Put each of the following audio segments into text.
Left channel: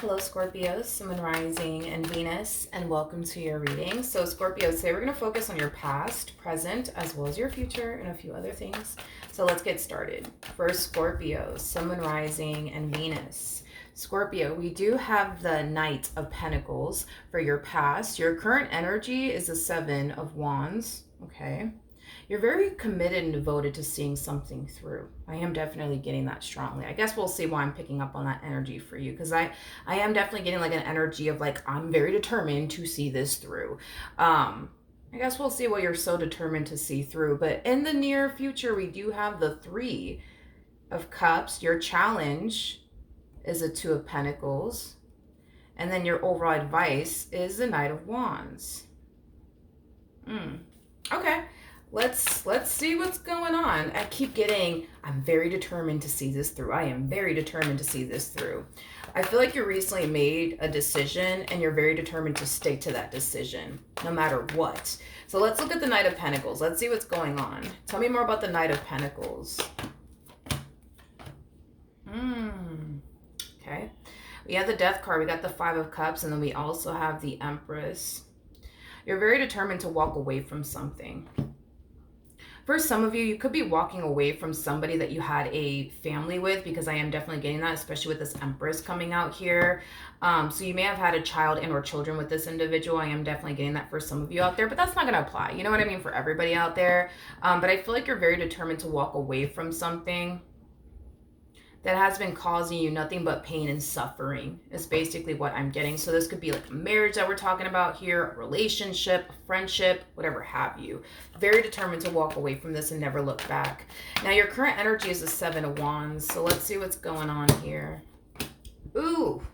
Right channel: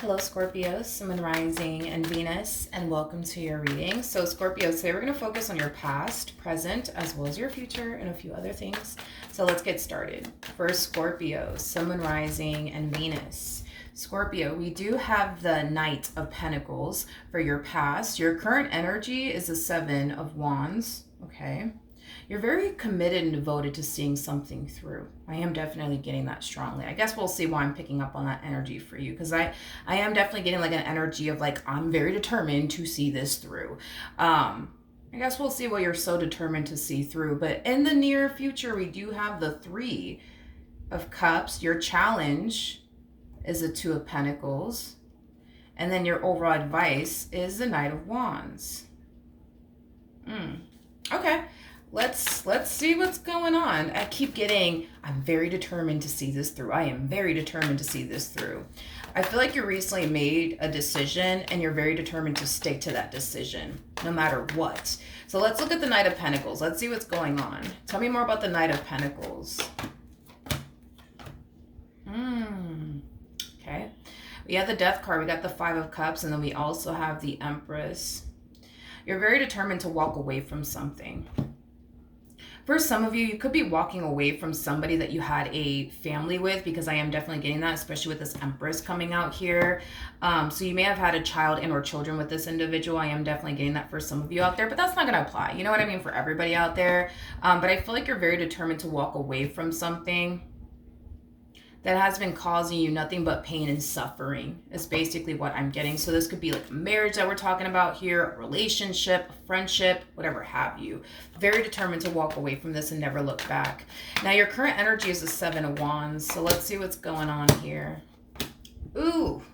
Hello, Scorpio, Sun, Rising, and Venus, and welcome to your reading. So, Scorpio, today we're going to focus on your past, present, as well as your future, and a few other things. So, let's get started. For Scorpio, Sun, Rising, and Venus. Scorpio, we do have the Knight of Pentacles for your past. Your current energy is the Seven of Wands. Okay. You're very committed and devoted to seeing something through. I am definitely getting that strongly. I guess we'll see why I'm picking up on that energy for you, because I am definitely getting like an energy of like, I'm very determined to see this through. I guess we'll see what you're so determined to see through. But in the near future, we do have the Three of Cups. Your challenge is the Two of Pentacles. And then your overall advice is the Knight of Wands. Okay. Let's see what's going on. I keep getting, I'm very determined to see this through. I am very determined to see this through. I feel like you recently made a decision and you're very determined to stick to that decision no matter what. So let's look at the Knight of Pentacles. Let's see what's going on. Tell me more about the Knight of Pentacles. Okay. We have the Death card. We got the Five of Cups, and then we also have the Empress. You're very determined to walk away from something. For some of you, you could be walking away from somebody that you had a family with, because I am definitely getting that, especially with this Empress coming out here. So you may have had a child and or children with this individual. I am definitely getting that for some of you out there, but that's not going to apply. You know what I mean? For everybody out there. But I feel like you're very determined to walk away from something that has been causing you nothing but pain and suffering is basically what I'm getting. So this could be like a marriage that we're talking about here, a relationship, a friendship, whatever have you. Very determined to walk away from this and never look back. Now your current energy is the Seven of Wands. So let's see what's going on here. Ooh,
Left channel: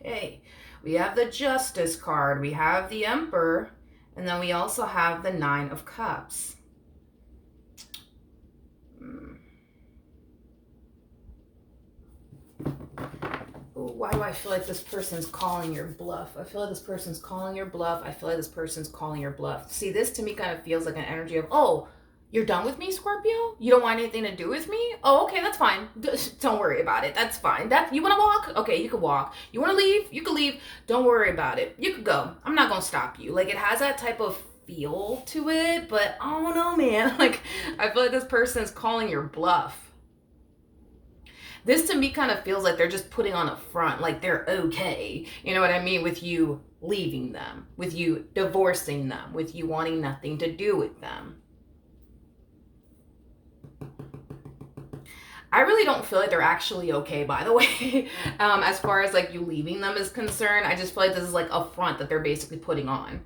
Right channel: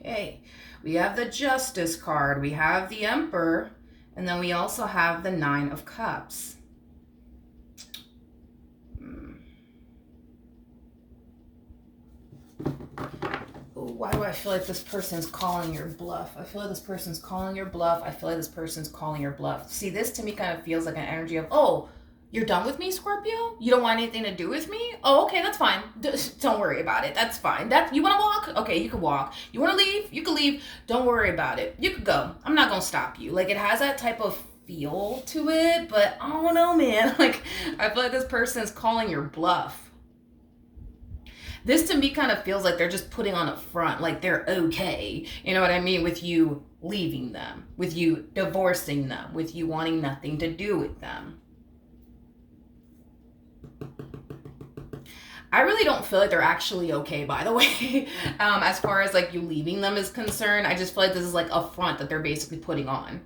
okay. We have the Justice card. We have the Emperor. And then we also have the Nine of Cups. Why do I feel like this person's calling your bluff? I feel like this person's calling your bluff. I feel like this person's calling your bluff. See, this to me kind of feels like an energy of, oh, you're done with me, Scorpio? You don't want anything to do with me? Oh, okay, that's fine. Don't worry about it. That's fine. You want to walk? Okay, you can walk. You want to leave? You can leave. Don't worry about it. You can go. I'm not going to stop you. Like, it has that type of feel to it, but I don't know, man. Like, I feel like this person's calling your bluff. This to me kind of feels like they're just putting on a front, like they're okay. You know what I mean? With you leaving them, with you divorcing them, with you wanting nothing to do with them. I really don't feel like they're actually okay, by the way. As far as like you leaving them is concerned, I just feel like this is like a front that they're basically putting on.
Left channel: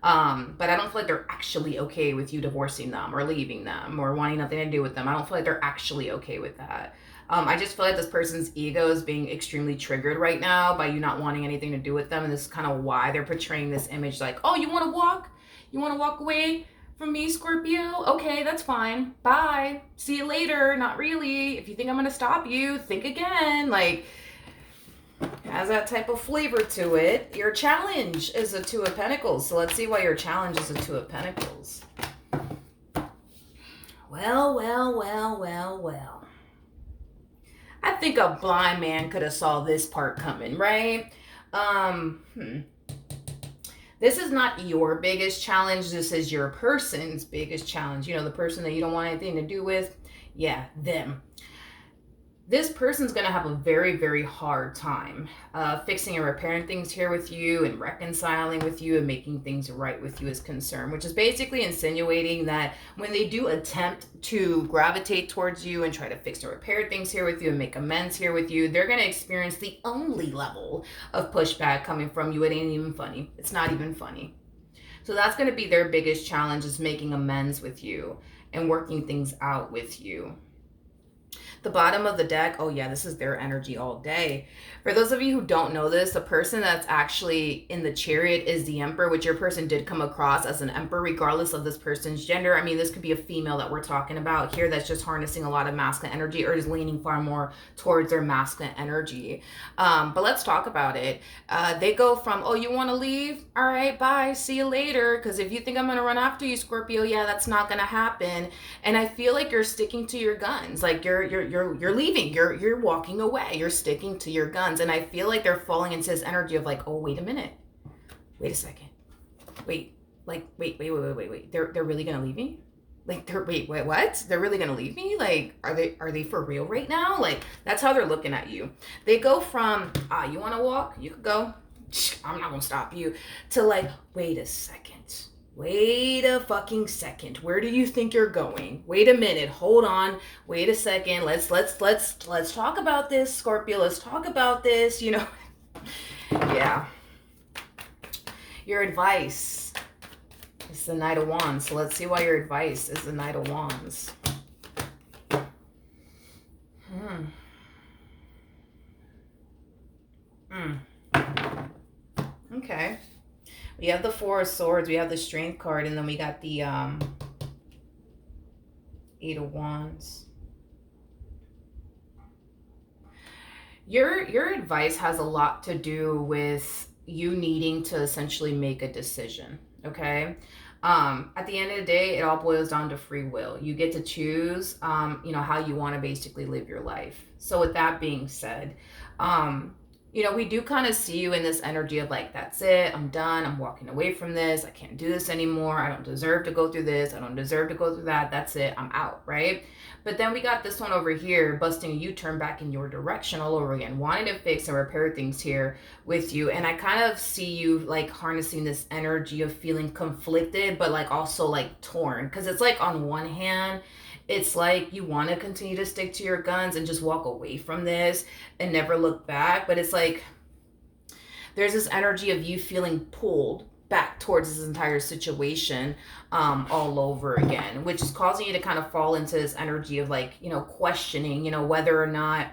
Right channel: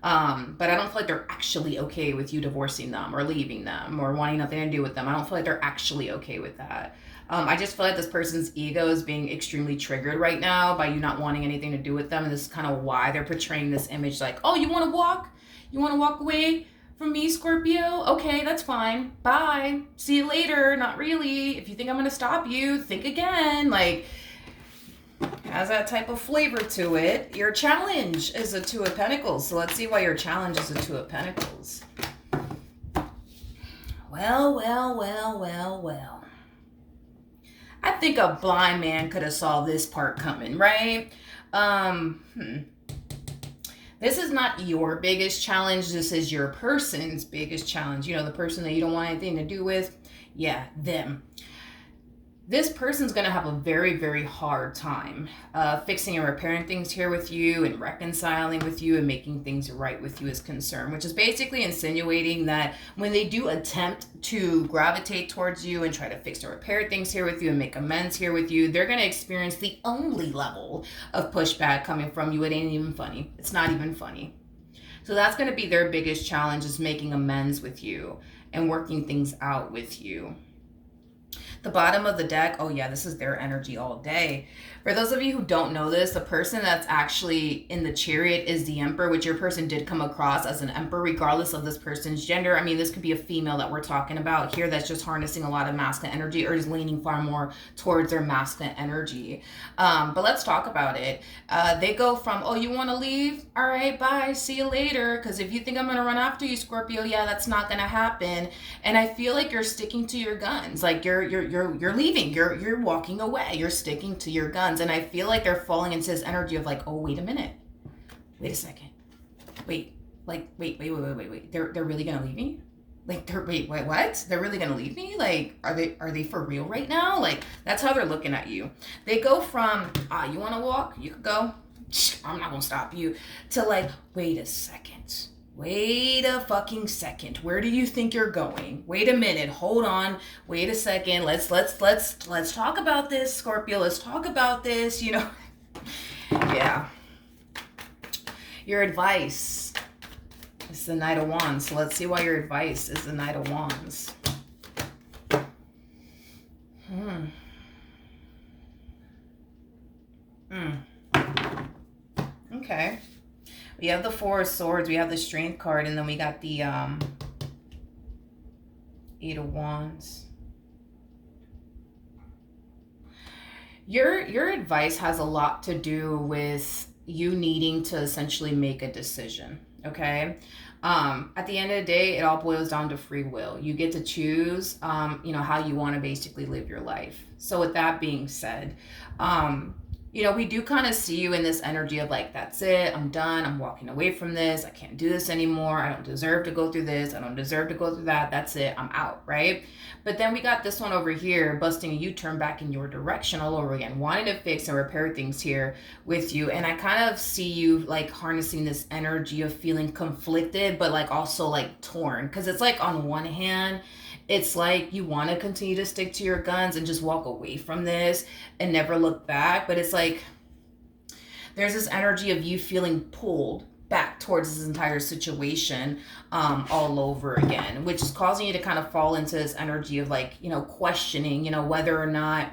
But I don't feel like they're actually okay with you divorcing them or leaving them or wanting nothing to do with them. I don't feel like they're actually okay with that. I just feel like this person's ego is being extremely triggered right now by you not wanting anything to do with them. And this is kind of why they're portraying this image like, oh, you want to walk? You want to walk away from me, Scorpio? Okay, that's fine. Bye. See you later. Not really. If you think I'm going to stop you, think again. Like, has that type of flavor to it. Your challenge is a Two of Pentacles. So let's see why your challenge is a Two of Pentacles. Well. I think a blind man could have saw this part coming, right? This is not your biggest challenge. This is your person's biggest challenge. You know, the person that you don't want anything to do with. Yeah, them. This person's going to have a very, very hard time fixing and repairing things here with you and reconciling with you and making things right with you is concerned, which is basically insinuating that when they do attempt to gravitate towards you and try to fix and repair things here with you and make amends here with you, they're going to experience the only level of pushback coming from you. It ain't even funny. It's not even funny. So that's going to be their biggest challenge, is making amends with you and working things out with you. The bottom of the deck, oh yeah, this is their energy all day. For those of you who don't know this, the person that's actually in the Chariot is the Emperor, which your person did come across as an Emperor, regardless of this person's gender. I mean, this could be a female that we're talking about here that's just harnessing a lot of masculine energy or is leaning far more towards their masculine energy. But let's talk about it. They go from, oh, you want to leave? All right, bye, see you later. Because if you think I'm going to run after you, Scorpio, yeah, that's not going to happen. And I feel like you're sticking to your guns. Like you're leaving. You're walking away. You're sticking to your guns. guns. And I feel like they're falling into this energy of like, oh, wait a minute. Wait a second. Wait. Like, wait. They're really going to leave me? Like, wait, what? They're really going to leave me? Like, are they for real right now? Like, that's how they're looking at you. They go from, you want to walk? You could go. I'm not going to stop you. To like, wait a second. Wait a fucking second. Where do you think you're going? Wait a minute. Hold on. Wait a second. Let's talk about this, Scorpio. Let's talk about this, you know. Yeah. Your advice is the Knight of Wands. So let's see why your advice is the Knight of Wands. Okay. We have the Four of Swords, we have the Strength card, and then we got the Eight of Wands. Your advice has a lot to do with you needing to essentially make a decision, okay? At the end of the day, it all boils down to free will. You get to choose, you know, how you want to basically live your life. So with that being said, you know, we do kind of see you in this energy of like, that's it, I'm done, I'm walking away from this, I can't do this anymore, I don't deserve to go through this, I don't deserve to go through that, that's it, I'm out, right? But then we got this one over here, busting a U-turn back in your direction all over again, wanting to fix and repair things here with you. And I kind of see you like harnessing this energy of feeling conflicted, but like also like torn. Because it's like on one hand, it's like you want to continue to stick to your guns and just walk away from this and never look back. But it's like there's this energy of you feeling pulled back towards this entire situation all over again, which is causing you to kind of fall into this energy of like, you know, questioning, you know, whether or not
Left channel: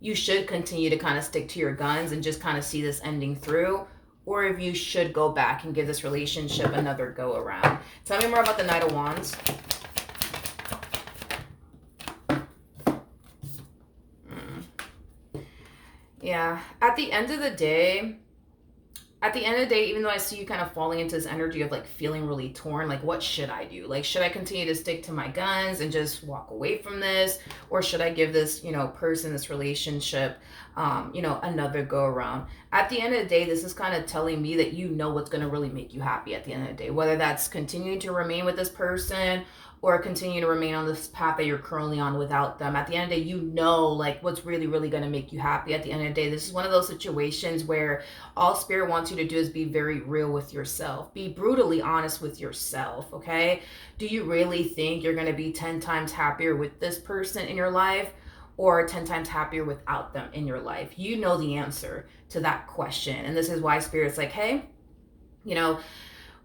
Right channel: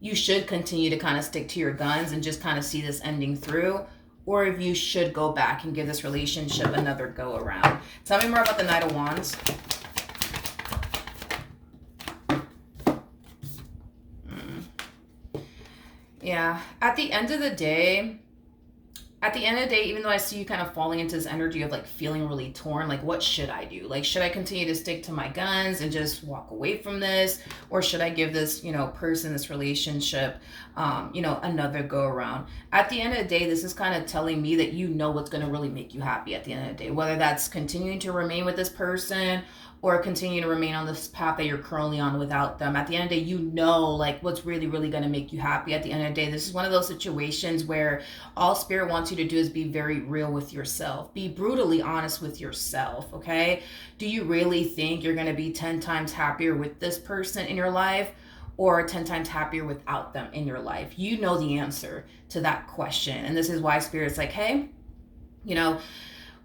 you should continue to kind of stick to your guns and just kind of see this ending through, or if you should go back and give this relationship another go around. Tell me more about the Knight of Wands. Yeah, at the end of the day, even though I see you kind of falling into this energy of like feeling really torn, like what should I do? Like, should I continue to stick to my guns and just walk away from this? Or should I give this, you know, person, this relationship, you know, another go around? At the end of the day, this is kind of telling me that you know what's going to really make you happy at the end of the day, whether that's continuing to remain with this person or continue to remain on this path that you're currently on without them. At the end of the day, you know, like what's really, really going to make you happy at the end of the day. This is one of those situations where all Spirit wants you to do is be very real with yourself. Be brutally honest with yourself, okay? Do you really think you're going to be 10 times happier with this person in your life or 10 times happier without them in your life? You know the answer to that question. And this is why Spirit's like, hey, you know,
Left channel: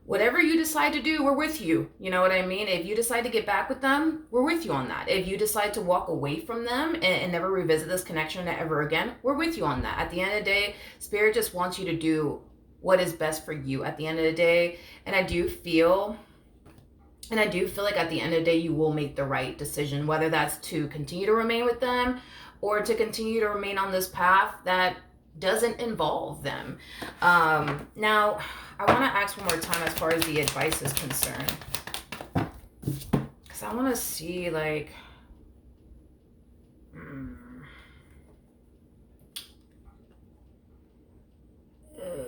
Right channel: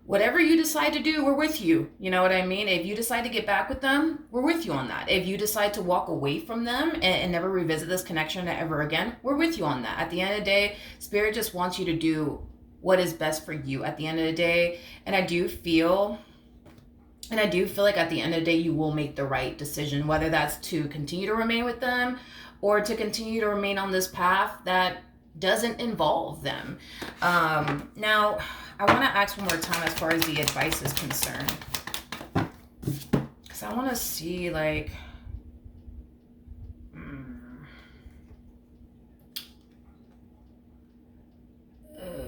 whatever you decide to do, we're with you. You know what I mean? If you decide to get back with them, we're with you on that. If you decide to walk away from them and never revisit this connection ever again, we're with you on that. At the end of the day, Spirit just wants you to do what is best for you at the end of the day. And I do feel like at the end of the day, you will make the right decision, whether that's to continue to remain with them or to continue to remain on this path that doesn't involve them. Now, I want to ask one more time as far as the advice is concerned. Because I want to see, like...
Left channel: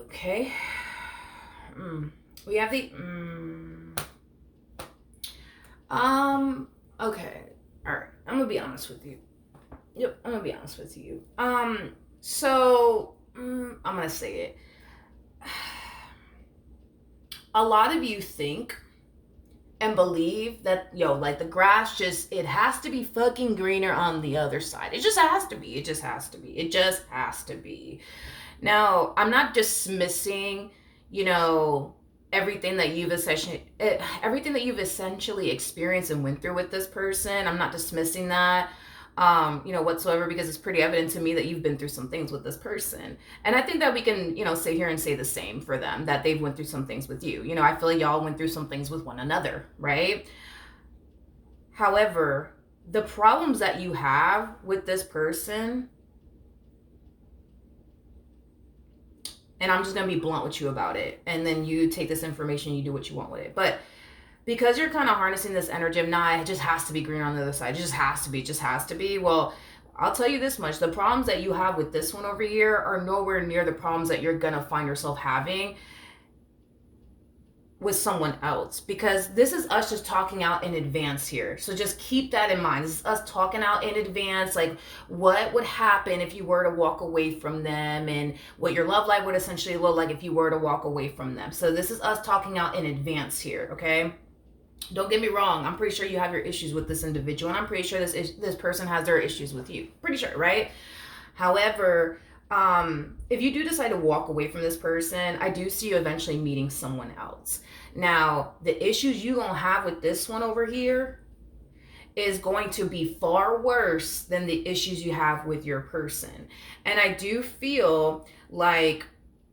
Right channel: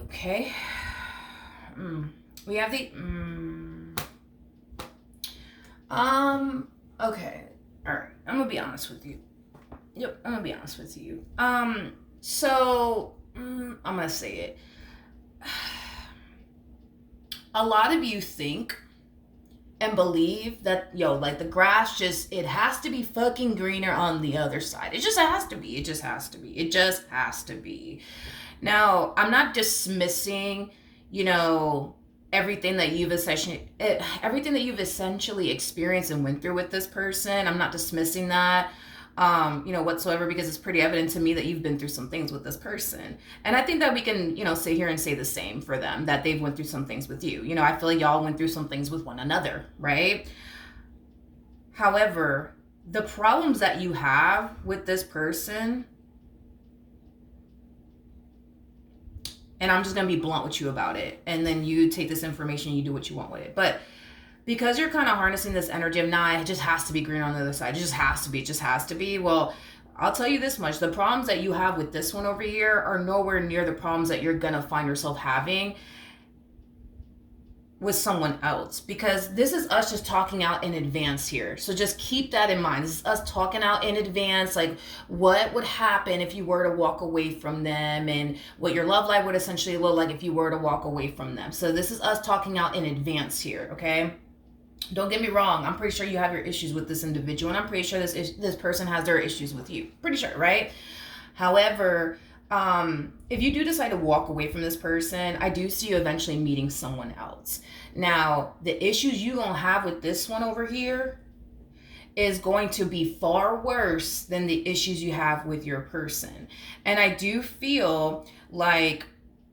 Okay. We have the... Okay. Alright. I'm going to be honest with you. Yep, I'm going to be honest with you. So, I'm going to say it. A lot of you think and believe that, like the grass it has to be fucking greener on the other side. It just has to be. It just has to be. It just has to be. Now, I'm not dismissing, everything that you've essentially experienced and went through with this person. I'm not dismissing that. Whatsoever, because it's pretty evident to me that you've been through some things with this person. And I think that we can, sit here and say the same for them, that they've went through some things with you. I feel like y'all went through some things with one another, right? However, the problems that you have with this person, and I'm just going to be blunt with you about it, and then you take this information, you do what you want with it. But because you're kind of harnessing this energy of, it just has to be green on the other side. It just has to be. Well, I'll tell you this much. The problems that you have with this one over here are nowhere near the problems that you're going to find yourself having with someone else, because this is us just talking out in advance here. So just keep that in mind. This is us talking out in advance, like what would happen if you were to walk away from them, and what your love life would essentially look like if you were to walk away from them. So this is us talking out in advance here, okay? Don't get me wrong. I'm pretty sure you have your issues with this individual, and I'm pretty sure this person has their issues with you. Pretty sure, right? However, if you do decide to walk away from this person, I do see you eventually meeting someone else. Now, the issues you gonna have with this one over here is going to be far worse than the issues you have with your person. And I do feel like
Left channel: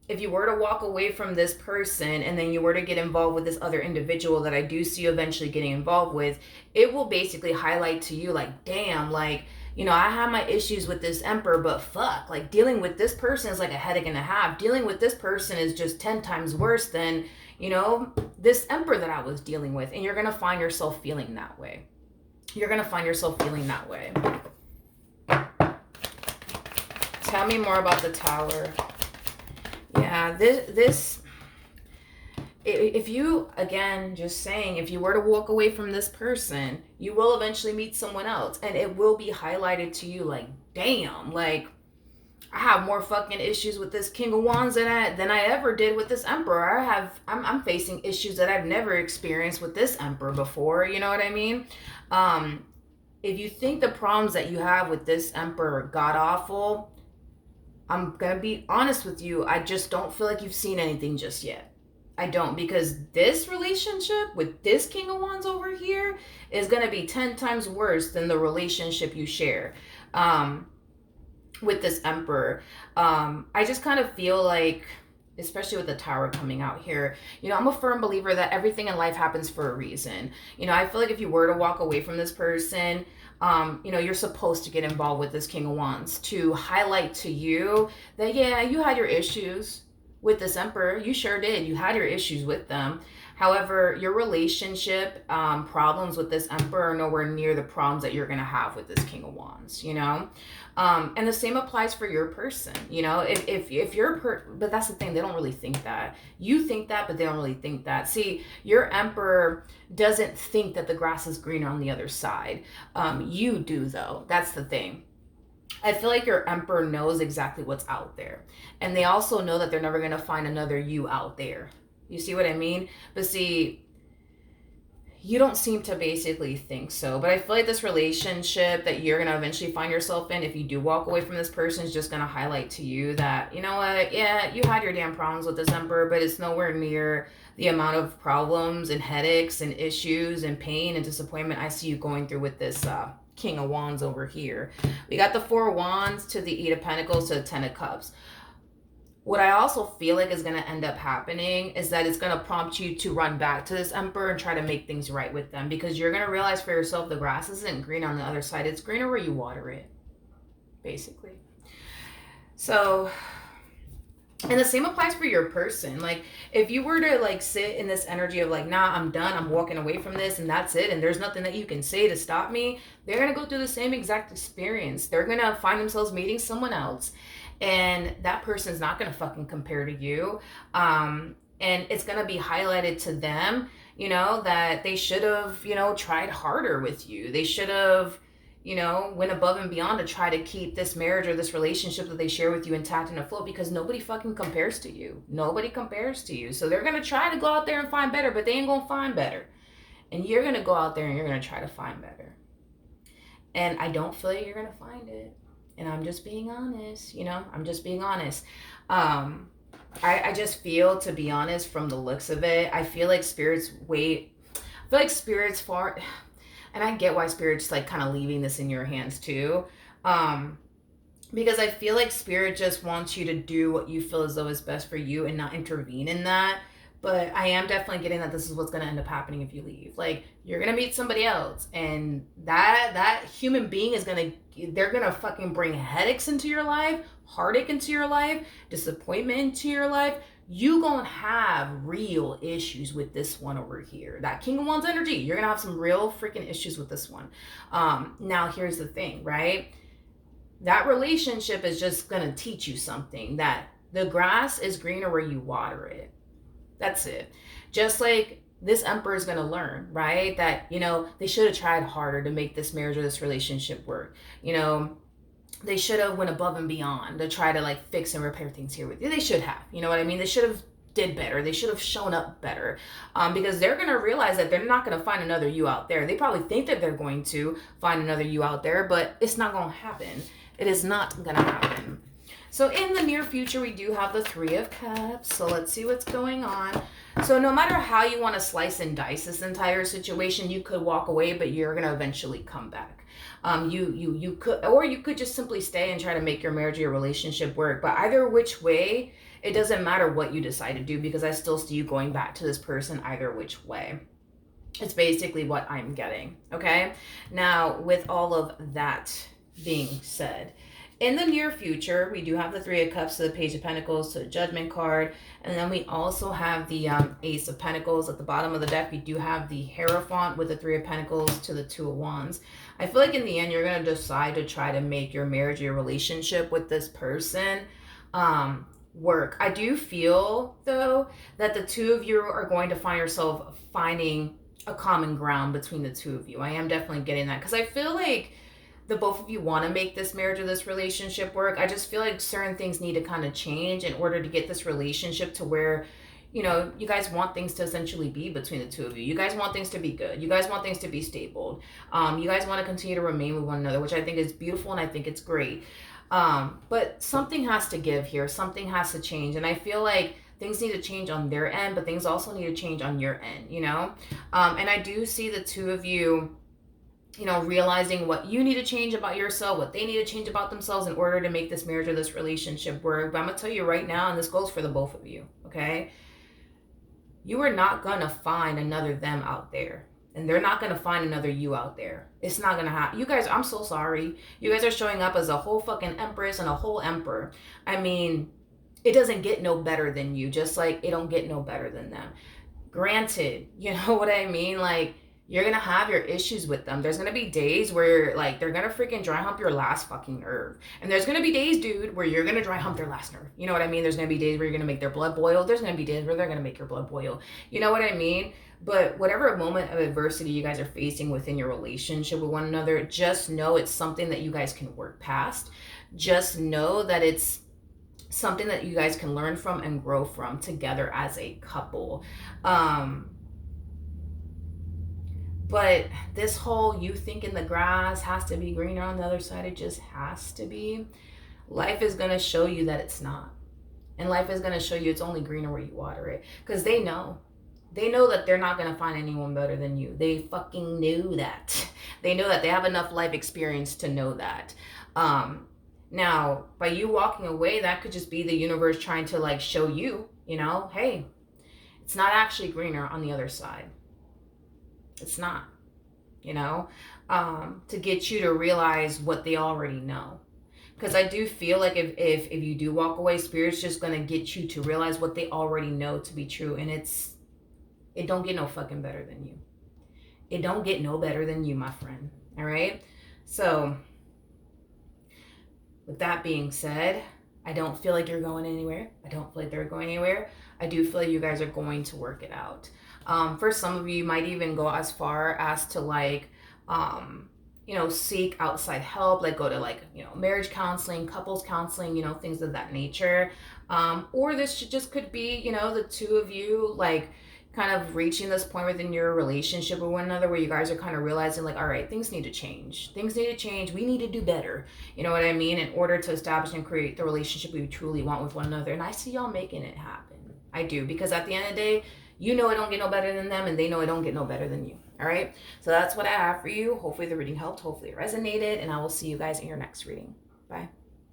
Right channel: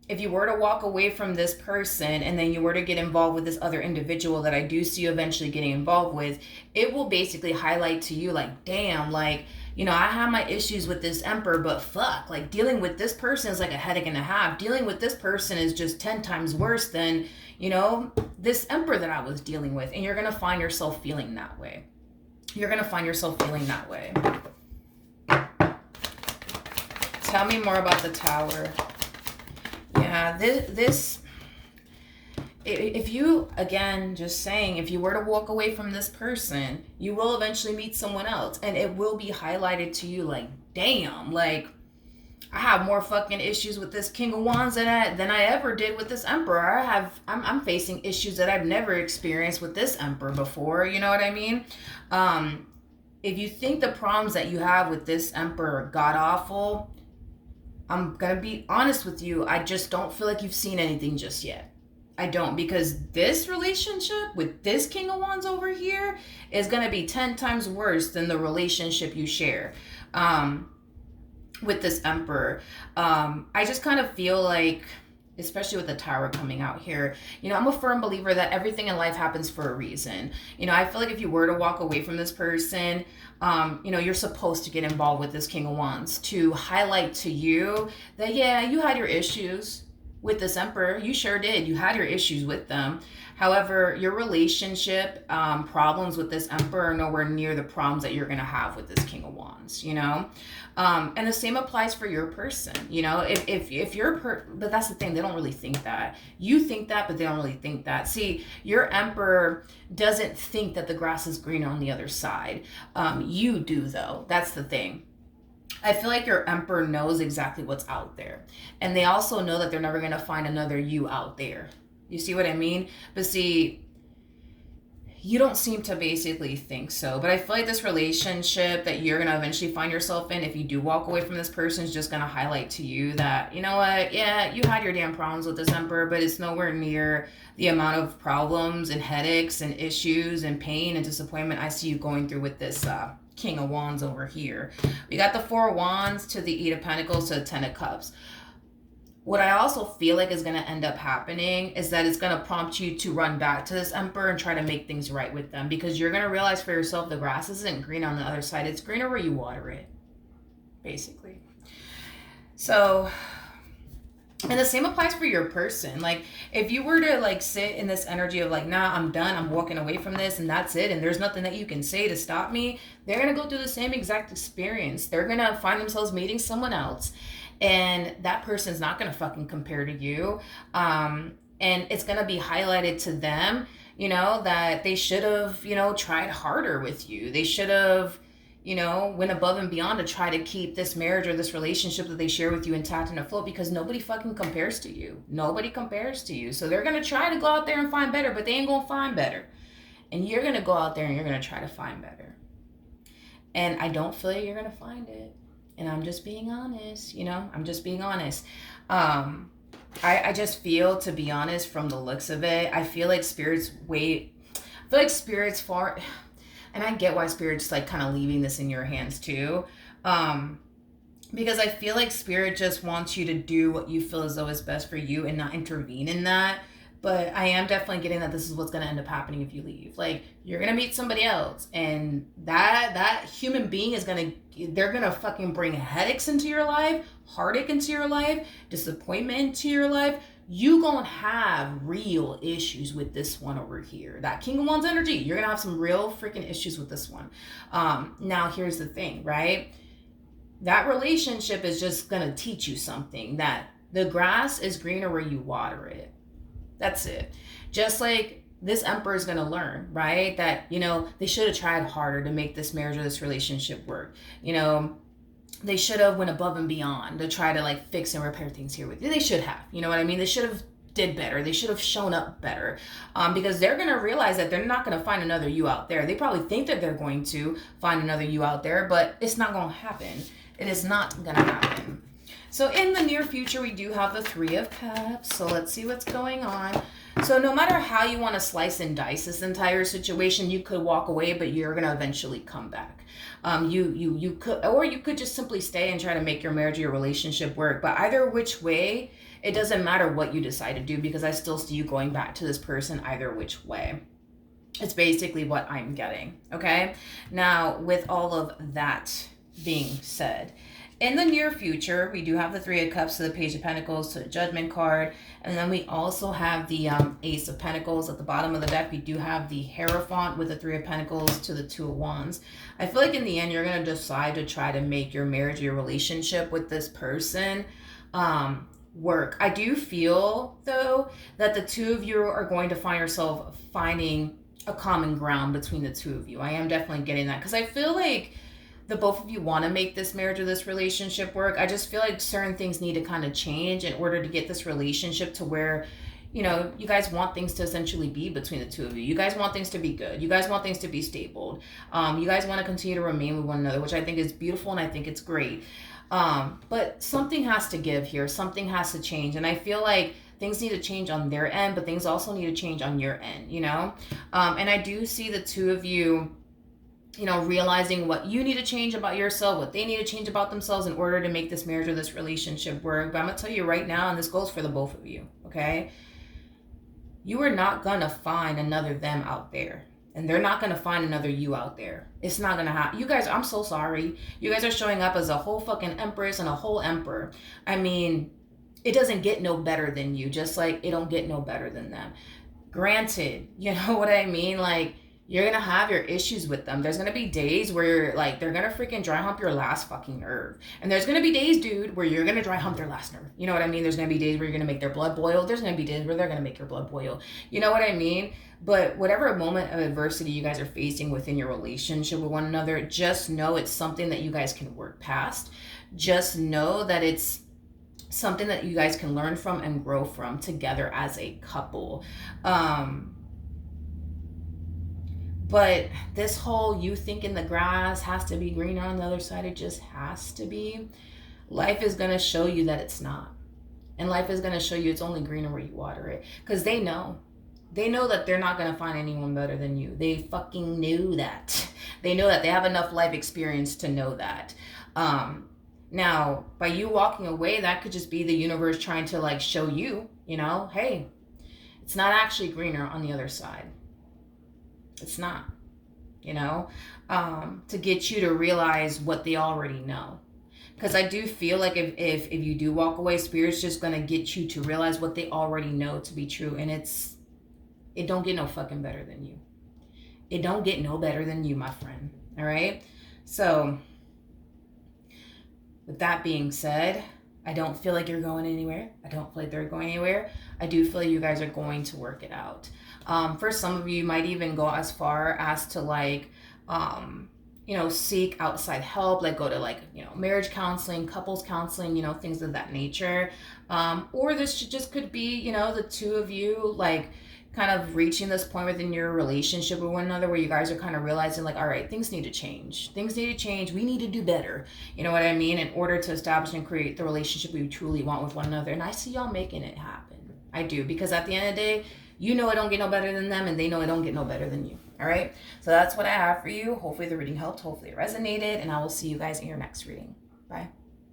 if you were to walk away from this person and then you were to get involved with this other individual that I do see you eventually getting involved with, it will basically highlight to you like, damn, like, you know, I have my issues with this emperor, but fuck, like dealing with this person is like a headache and a half. Dealing with this person is just 10 times worse than, you know, this emperor that I was dealing with. And you're going to find yourself feeling that way. You're going to find yourself feeling that way. Tell me more about the Tower. Yeah, this if you, again, just saying, if you were to walk away from this person, you will eventually meet someone else, and it will be highlighted to you like, damn, like, I have more fucking issues with this King of Wands than I ever did with this Emperor. I'm facing issues that I've never experienced with this Emperor before, you know what I mean? If you think the problems that you have with this Emperor are god-awful, I'm gonna be honest with you, I just don't feel like you've seen anything just yet. I don't, because this relationship with this King of Wands over here is going to be 10 times worse than the relationship you share with this Emperor. I just kind of feel like, especially with the Tower coming out here, you know, I'm a firm believer that everything in life happens for a reason. You know, I feel like if you were to walk away from this person, you know, you're supposed to get involved with this King of Wands to highlight to you that, yeah, you had your issues with this Emperor. You sure did. You had your issues with them. However, your relationship problems with this Emperor are nowhere near the problems that you're going to have with this King of Wands, you know? And the same applies for your person, you know? If you're, but that's the thing, they don't really think that. You think that, but they don't really think that. See, your Emperor doesn't think that the grass is greener on the other side. You do, though. That's the thing. I feel like your Emperor knows exactly what's out there. And they also know that they're never going to find another you out there. You see what I mean? But see, you don't seem to basically think so. But I feel like this relationship that you're going to eventually find yourself in, if you do walk away from this person, is just going to highlight to you that, you know what, yeah, you had your damn problems with this Emperor, but it's nowhere near the amount of problems and headaches and issues and pain and disappointment I see you going through with this King of Wands over here. We got the Four of Wands to the Eight of Pentacles to the Ten of Cups. What I also feel like is going to end up happening is that it's going to prompt you to run back to this Emperor and try to make things right with them, because you're going to realize for yourself the grass isn't green on the other side. It's greener where you water it, basically. So, and the same applies for your person. Like, if you were to like sit in this energy of like, nah, I'm done, I'm walking away from this and that's it, and there's nothing that you can say to stop me, they're going to go through the same exact experience. They're going to find themselves meeting someone else, and that person's not going to fucking compare to you. And it's going to be highlighted to them, you know, that they should have, you know, tried harder with you. They should have, you know, went above and beyond to try to keep this marriage or this relationship that they share with you intact and afloat, because nobody fucking compares to you. Nobody compares to you. So they're going to try to go out there and find better, but they ain't going to find better. And you're going to go out there and you're going to try to find better. And I don't feel like you're going to find it. And I'm just being honest, you know, I'm just being honest. I just feel, to be honest, from the looks of it, I feel like spirits far, and I get why spirits like kind of leaving this in your hands too. Because I feel like spirit just wants you to do what you feel as though is best for you and not intervene in that. But I am definitely getting that this is what's going to end up happening if you leave. Like, you're going to meet somebody else, and that human being is they're going to fucking bring headaches into your life, heartache into your life, disappointment into your life. You going to have real issues with this one over here. That King of Wands energy, you're going to have some real freaking issues with this one. Now, here's the thing, right? That relationship is just going to teach you something, that the grass is greener where you water it. That's it. Just like this emperor is going to learn, right? That, they should have tried harder to make this marriage or this relationship work. They should have went above and beyond to try to like fix and repair things here with you. They should have, you know what I mean? They should have did better. They should have shown up better, because they're going to realize that they're not going to find another you out there. They probably think that they're going to find another you out there, but it's not going to happen. It is not going to happen. So in the near future, we do have the Three of Cups. So let's see what's going on. So no matter how you want to slice and dice this entire situation, you could walk away, but you're going to eventually come back. You could, or you could just simply stay and try to make your marriage or your relationship work. But either which way, it doesn't matter what you decide to do, because I still see you going back to this person either which way. It's basically what I'm getting. Okay. Now, with all of that being said, in the near future, we do have the Three of Cups to the Page of Pentacles to the Judgment card. And then we also have the Ace of Pentacles. At the bottom of the deck, we do have the Hierophant with the Three of Pentacles to the Two of Wands. I feel like in the end, you're going to decide to try to make your marriage, your relationship with this person work. I do feel, though, that the two of you are going to find yourself finding a common ground between the two of you. I am definitely getting that, because I feel like the both of you want to make this marriage or this relationship work. I just feel like certain things need to kind of change in order to get this relationship to where, you guys want things to essentially be between the two of you. You guys want things to be good. You guys want things to be stable. You guys want to continue to remain with one another, which I think is beautiful and I think it's great. But something has to give here. Something has to change. And I feel like things need to change on their end, but things also need to change on your end, And I do see the two of you, realizing what you need to change about yourself, what they need to change about themselves in order to make this marriage or this relationship work. But I'm going to tell you right now, and this goes for the both of you, okay? You are not going to find another them out there. And they're not going to find another you out there. It's not going to happen. You guys, I'm so sorry. You guys are showing up as a whole fucking empress and a whole emperor. I mean, it doesn't get no better than you, just like it don't get no better than them. Granted, you know what I mean? Like, you're going to have your issues with them. There's going to be days where, like, they're going to freaking dry hump your last fucking nerve. And there's going to be days, dude, where you're going to dry hump their last nerve. You know what I mean? There's going to be days where you're going to make their blood boil. There's going to be days where they're going to make your blood boil. You know what I mean? But whatever moment of adversity you guys are facing within your relationship with one another, just know it's something that you guys can work past. Just know that it's something that you guys can learn from and grow from together as a couple. But this whole you thinking the grass has to be greener on the other side, it just has to be. Life is going to show you that it's not. And life is going to show you it's only greener where you water it. Because they know. They know that they're not going to find anyone better than you. They fucking knew that. They know that. They have enough life experience to know that. Now, by you walking away, that could just be the universe trying to like show you, hey, it's not actually greener on the other side. It's not, to get you to realize what they already know. Because I do feel like if you do walk away, Spirit's just going to get you to realize what they already know to be true. And it don't get no fucking better than you. It don't get no better than you, my friend. All right? So, with that being said, I don't feel like you're going anywhere. I don't feel like they're going anywhere. I do feel like you guys are going to work it out. For some of you, you might even go as far as to like, seek outside help, like go to marriage counseling, couples counseling, things of that nature. Or this just could be, the two of you like kind of reaching this point within your relationship with one another where you guys are kind of realizing like, all right, things need to change. Things need to change. We need to do better. You know what I mean? In order to establish and create the relationship we truly want with one another. And I see y'all making it happen. I do. Because at the end of the day, it don't get no better than them, and they know it don't get no better than you. All right? So that's what I have for you. Hopefully the reading helped. Hopefully it resonated, and I will see you guys in your next reading. Bye.